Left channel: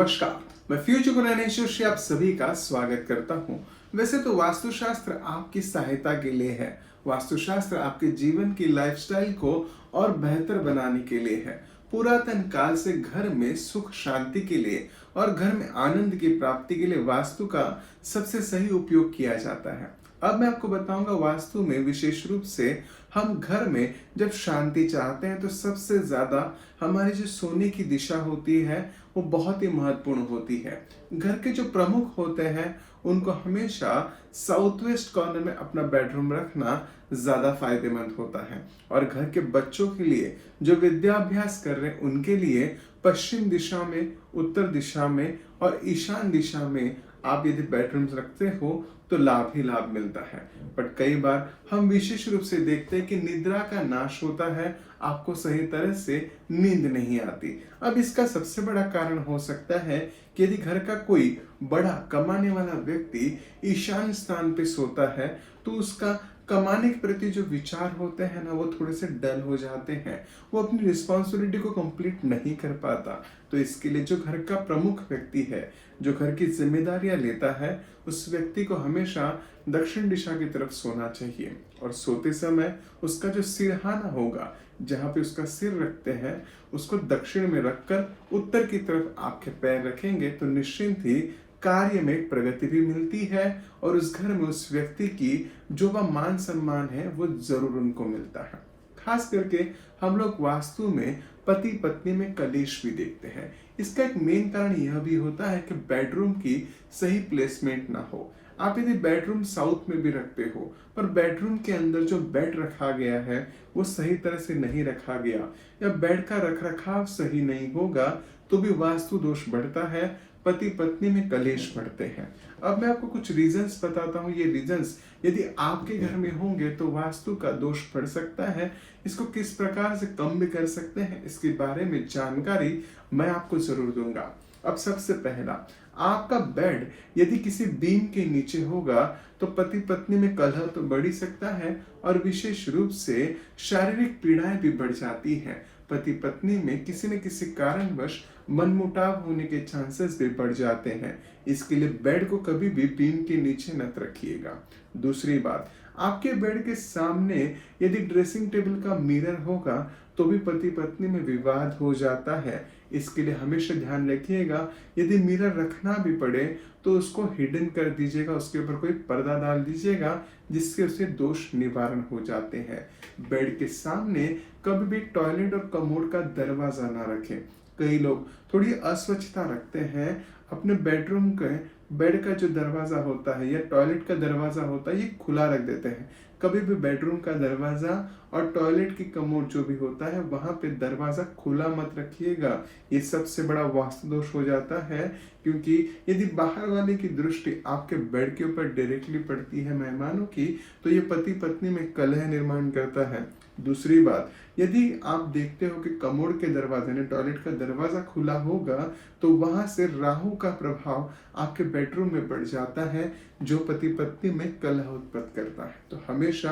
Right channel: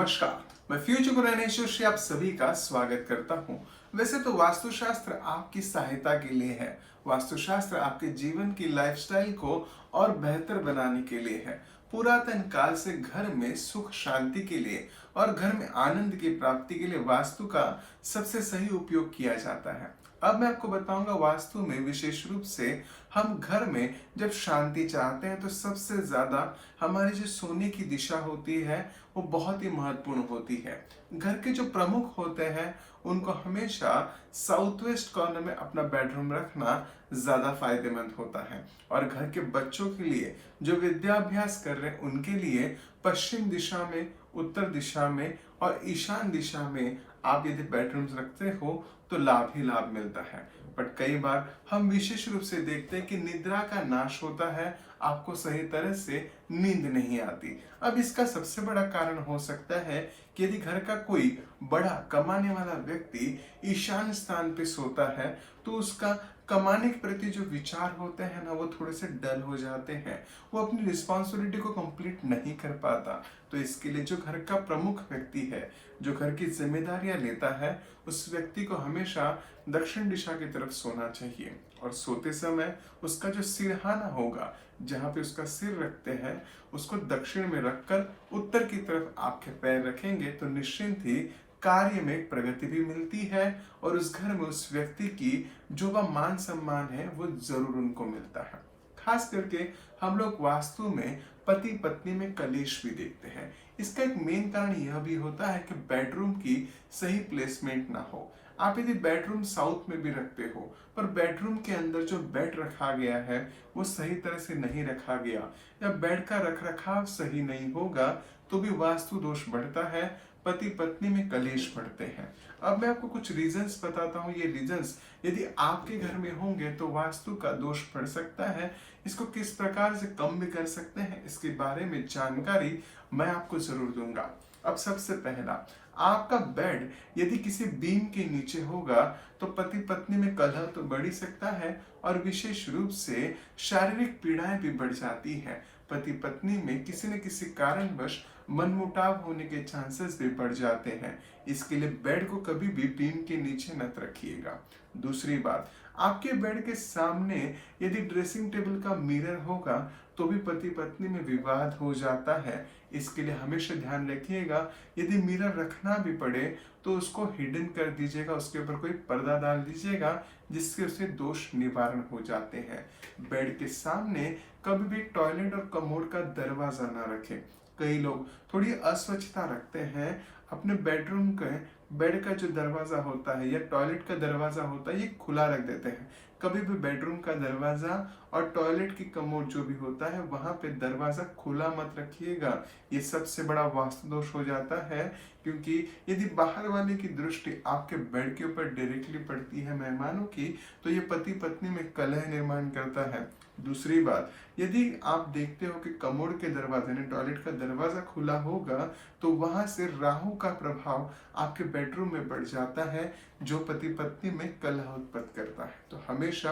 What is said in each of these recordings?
नमस्कार, मैं फ्यूचर गुणानेश्वर श्री आप सभी का स्वागत करता हूं। वैसे तो वास्तुशास्त्र आपकी सहायता के लिए है। वास्तुशास्त्र आपके जीवन की लाइफस्टाइल को और बेहतर बनाने के लिए है। पुरातन काल से घर में सुख शांति के लिए और घर में आनंद की प्राप्ति के लिए वास्तु का सबसे सही उपयोग किया जाता है। अब मैं आपको बताऊंगा वास्तु में विशेष रूप से हम घर में जब शांति चाहते हैं तो सबसे ज्यादा हमारी जो सोने की दिशा होती है वो बहुत ही महत्वपूर्ण होती है। घर के जो प्रमुख होते हैं उनको हमेशा साउथ वेस्ट कॉर्नर में अपना बेडरूम रखना ज्यादा फायदेमंद होता है और घर के बच्चों के लिए जो विद्याभ्यास कर रहे हैं उनके लिए पश्चिम दिशा में, उत्तर दिशा में और ईशान दिशा में आप यदि बेडरूम रखते हो तो लाभ ही लाभ मिलता है। बट कई बार हम विशेष रूप से देखते हैं कि निद्रा का नाश होता है, आपको सही तरह से नींद नहीं आती। अब इसका सबसे बड़ा कारण हो सकता है कि यदि घर का कोई बड़ा कमाने वाला व्यक्ति ईशान स्थान पे सोता है तो उसका कमाने के प्रति जो विचार होते हैं ना वो थोड़े से डल हो जाते हैं, वो अपनी रिस्पॉन्सिबिलिटी को कंप्लीट नहीं कर पाता। तो इसके लिए जो घर का प्रमुख व्यक्ति है, जो घर की जिम्मेदारियां लेता है, उस व्यक्ति को हमेशा दक्षिण दिशा की तरफ सोना चाहिए और सोते समय उसका जो सिरहाना होगा, जहां पे उसका सिर रखते हैं, उसको दक्षिण में रखकर उत्तर की तरफ आपके पैर रखेंगे तो निश्चिंत ही कार्य में प्रगति भी मिलती है और उस घर में उस व्यक्ति की जो वह मान सम्मान है वो जरूर उनको मिलता है। खास करके हम लोग वास्तु में पति पत्नी में कलेश भी देखते हैं। इसका एक मेन कारण यह भी होता है कि बेडरूम की सही प्लेसमेंट ना हो। आप यदि बेडरूम साउथ में भी रखते हो पर बेडरूम के अंदर जो बेड रखा गया है वो सही तरह से नहीं रखा गया या बेड का रखरखाव सही नहीं होगा तो भी वास्तु दोष बढ़ता है, पति पत्नी में कलेश बढ़ते हैं। अब मैं आपको कुछ रीजंस बताता हूँ। ये रीजंस यदि आपके घर में होंगे तो वास्तु का दोष बढ़ सकता है। इसको किस प्रकार से कम भी कर सकते हैं इसके बारे में जानकारी मैं आपको जरूर दूंगा। अब सबसे पहला, आपका बेड यदि किसी बीम के नीचे होगा तो पति पत्नी में कलह तो बढ़ ही सकता है और विशेष रूप से शारीरिक पीड़ाएं भी बढ़ जाती है। पति पत्नी में किसी न किसी कारणवश मनमुटाव होने के चांसेस भी बढ़ जाते हैं। इसके लिए बेड को कभी भी बीम के नीचे मत रखिएगा। दूसरी बात, आपके बेड के सामने यदि ड्रेसिंग टेबल का मिरर होगा तो भी पति पत्नी में विवाद हो जाता है। इसके लिए हमेशा ध्यान रखिएगा यदि मिरर रखना भी पड़े तो उसको हिडन कर दीजिएगा, उसके ऊपर कोई पर्दा डाल दीजिएगा जिससे उसे दोष निवारण हो जाते हैं। बेड के सामने कभी भी टॉयलेट और कमोड का दरवाजा ना रखें। कई लोग थोड़ी अस्वच्छता रखते हैं, अपने बेडरूम के बेड का जो दरवाजा होता है या टॉयलेट का दरवाजा होता है ये खुला रख देते हैं। कभी भी बेडरूम का दरवाजा और टॉयलेट की कमोड जो भी होता है वहां पे दरवाजा खुला मत रखिएगा। ये सबसे बड़ा वास्तु दोष हो जाता है, क्योंकि यदि बाहर वाले की दृष्टि आपके बेड के ऊपर डायरेक्टली पड़ती है मेहमानों की तो ये पति पत्नी में कलह निर्माण करता है। दूसरी बात, यदि आप देखते हो कि कमोड के दरवाजे ने टॉयलेट का दरवाजा खुला होगा तो वहां से राहु का प्रभाव आपके बेडरूम में बढ़ जाता है जो पति पत्नी में कलह उत्पन्न करता है। तो हमेशा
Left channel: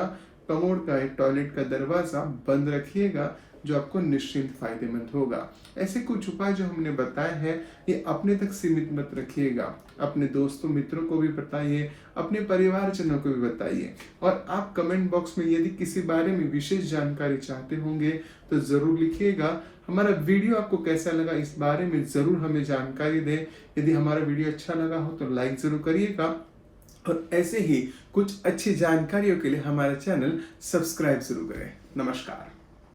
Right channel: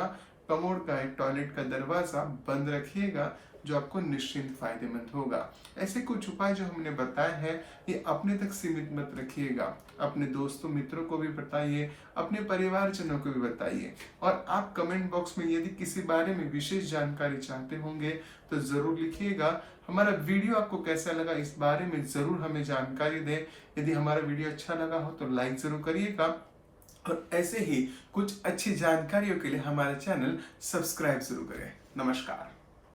कमोड का एक टॉयलेट का दरवाजा बंद रखिएगा जो आपको निश्चिंत फायदेमंद होगा। ऐसे कुछ उपाय जो हमने बताए हैं ये अपने तक सीमित मत रखिएगा, अपने दोस्तों मित्रों को भी बताइए, अपने परिवारजनों को भी बताइए और आप कमेंट बॉक्स में यदि किसी बारे में विशेष जानकारी चाहते होंगे तो जरूर लिखिएगा। हमारा वीडियो आपको कैसा लगा इस बारे में जरूर हमें जानकारी दें। यदि हमारा वीडियो अच्छा लगा हो तो लाइक जरूर करिएगा और ऐसे ही कुछ अच्छी जानकारियों के लिए हमारे चैनल सब्सक्राइब जरूर करें। नमस्कार।